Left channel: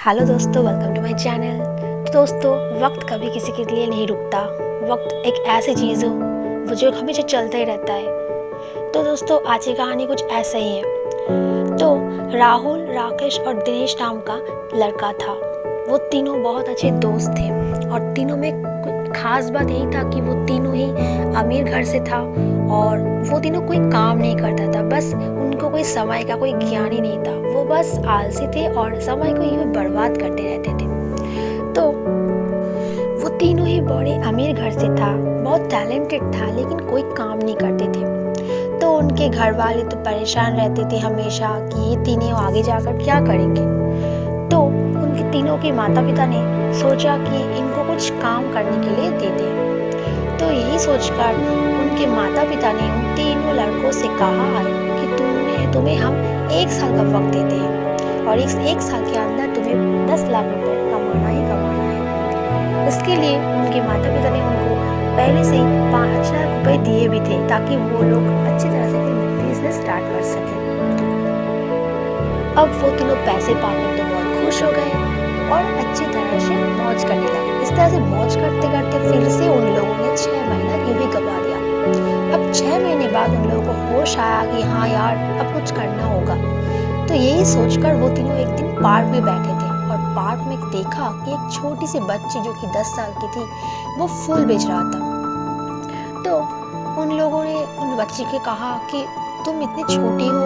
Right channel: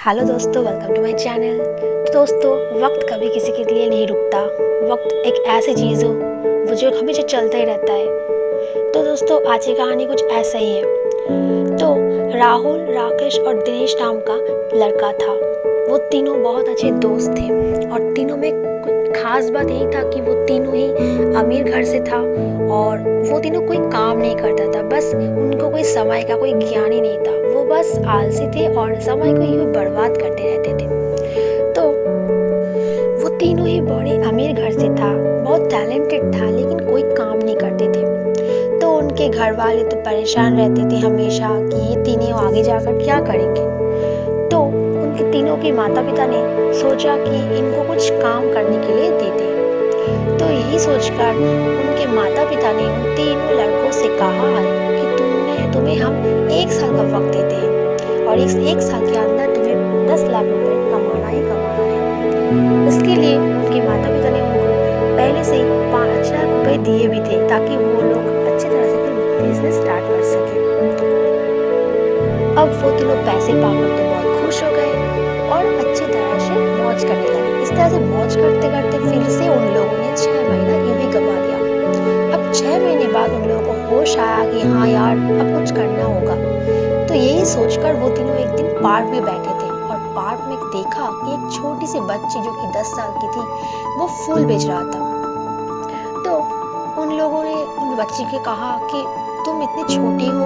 Hello दोस्तों, welcome to my channel. तो दोस्तों, वक्त कभी किसी के लिए नहीं रुकता। वक्त एक ऐसी चीज़ हो वो जो हमेशा चलता ही रहता है। तो दोस्तों, आज की कहानी कुछ ऐसा ही है। तो राहुल, राकेश और दिनेश नाम का लड़का था। वो तीनों बहुत अच्छे दोस्त थे और तीनों में कुछ खास बात यही था कि वो तीनों ही अमीर घर से था और वो तीनों कोई काम नहीं करता था। बस उनको कोई समय का कोई ज्ञान ही नहीं था। वो बस आलसी थे और समय को यूं बर्बाद करते रहते थे। तो वो तीनों ही बड़े अमीर घर से था, बहुत टैलेंटेड था, लेकिन कोई काम नहीं करते थे। तो उनके घर वाले तो परेशान रहते थे हमेशा कि ये तीनों आगे जाकर क्या करेंगे। तो उनके तीनों के माता पिता ने सोचा कि इनको कुछ काम करने के लिए दे दें। तो यही सोचकर उनके माता पिता ने उन तीनों लड़कों से कहा है कि तुम्हें हम 1 साल का वक्त देते हैं और इस 1 साल के अंदर तुम्हें 10 लाख रुपए कमाना ही कमाना है। इसके लिए उनके माता पिता ने उनको पहले से ही 5 लाख रुपए दिए भी थे ताकि वो लोग अच्छी तरह से फिर बिजनेस स्टार्ट कर सके। अब वो तीनों पैसे पाकर तो बहुत खुश हो गए और अच्छी तरह से मौज करने लगे। इस तरह से मौज करते करते फिर से उन लोगों ने 6 महीना यूं ही गवा दिया। अब 6 महीने बाद उन लोगों को होश आया कि हाँ यार, अब कुछ करना होगा। तो यही सोचकर वो तीनों एक दिन पार्क में बैठे थे और पार्क में देखा कि एक छोटी सी बच्ची जो कि 10 साल की थी, वो फूल बेच रहा था। तो उन लोगों ने उन बच्ची के कहा कि तुम इतनी छोटी हो,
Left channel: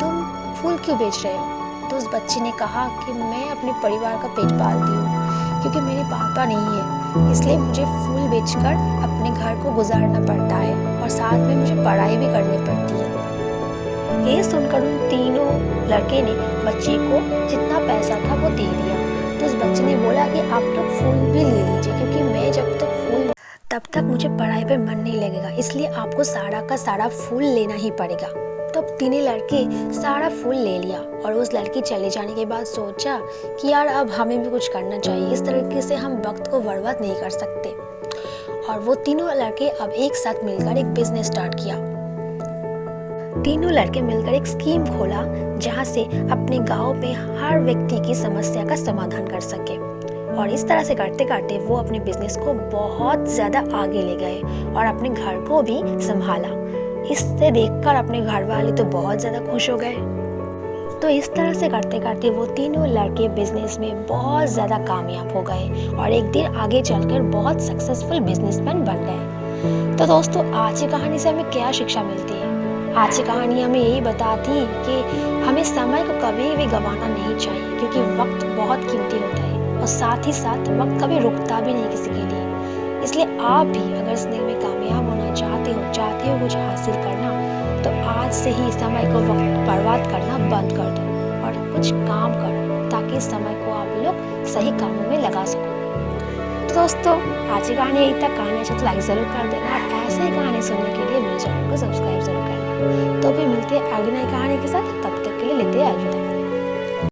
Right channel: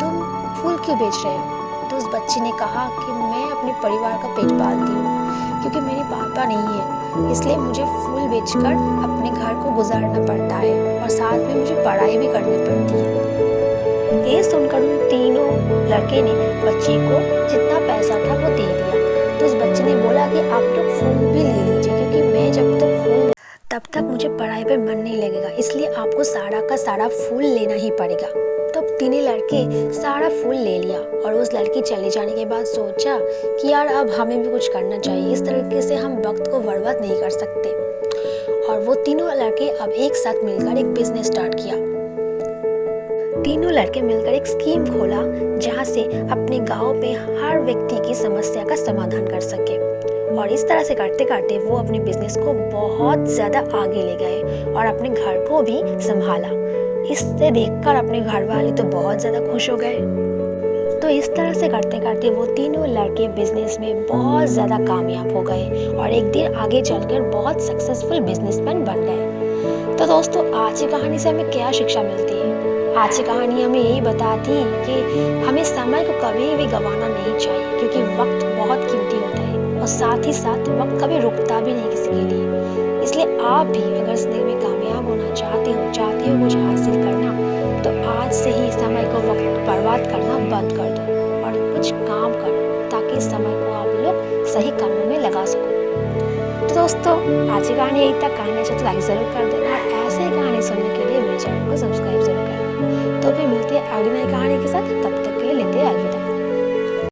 तुम फूल क्यों बेच रहे हो? तो उस बच्ची ने कहा कि मैं अपने परिवार का पेट पालती हूँ, क्योंकि मेरे पापा नहीं है, इसलिए मुझे फूल बेचकर अपने घर को गुजारना पड़ता है और साथ में मुझे पढ़ाई भी करनी पड़ती है। ये सुनकर उन तीनों लड़के ने बच्ची को जितना पैसा था वो दे दिया। तो उस बच्चे ने बोला कि आप लोग फूल भी ले लीजिए, क्योंकि मैं जब तक फूल तब तक मुझे पढ़ाई पे मन नहीं लगेगा, इसलिए आपको सारा का सारा फूल लेना ही पड़ेगा। तो तीनों लड़के सारा फूल ले लिया और उस लड़की चले जाने के बाद सोचा कि यार, अब हमें भी कुछ करना चाहिए। इस तरीके से हम वक्त को बर्बाद नहीं कर सकते। और वो तीनों लड़के अब एक साथ मिलकर एक बिजनेस स्टार्ट किया। तीनों लड़के मिलकर एक स्कीम खोला जहां से अपने गांव में हर व्यक्ति की समस्या का समाधान कर सके। और इस तरह से करते करते वो अपने बिजनेस को बहुत ज़्यादा आगे ले गए और अपने घर को भी संभाला। इससे देखकर अपने घर वाले तो बहुत ज़्यादा खुश हो गए। तो इस तरह से करते करते वो तीनों लड़के बिजनेस में बहुत ज़्यादा कामयाब हो गए और एक दिन आगे चलकर बहुत सक्सेसफुल बिजनेसमैन बन गए। तो दोस्तों, आज की कहानी से हमें क्या शिक्षा मिलती है? आज की कहानी हमें यही बताती है कि हमें समय को कभी भी गंवाना नहीं चाहिए, क्योंकि वक्त बहुत कीमती होता है और साथ ही साथ वक्त कभी रुकता भी नहीं किसी के लिए। इसलिए आप भी अगर जिंदगी में कामयाब होना चाहते हो कुछ हासिल करना, तो आज से ही समय को वक्त बर्बाद करना बंद कर दो और कुछ काम करो, ताकि इस समय को आप लोग सही कामों में लगा सको। तो दोस्तों, आज की कहानी यही तक। कहानी अच्छा तो लाइक ज़रूर कर देना और ऐसे ही कहानी सुनने के लिए मेरे चैनल को सब्सक्राइब जरूर करना। तो भी मिलते हैं अगली नई कहानी के साथ। तब तक के लिए लेते हैं अलविदा।